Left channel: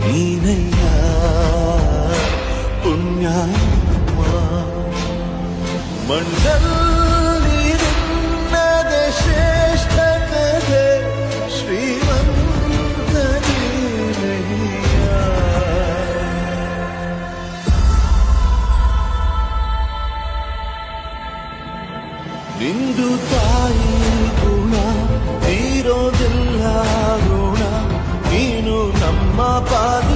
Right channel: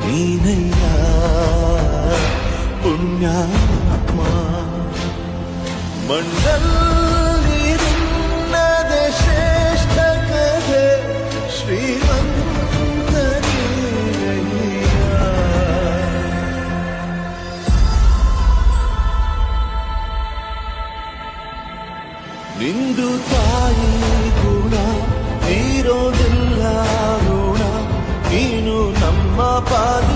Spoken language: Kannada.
ನೀನಯ್ಯ ಪುಣ್ಯಾತ್ಮ ಮಂಡಲ್ಲಿ ನಿನ್ನದೆ ಶ್ರೇಷ್ಠ ಕಥೆ ಶ್ರೀಮಂತ ನೀನಯ್ಯ ನಿಂದು ತಾಯಿ ಗುಣ ತೀರೋದಿಲ್ಲ ಋಣ ನೀನು ನಮ್ಮ ಪಾದ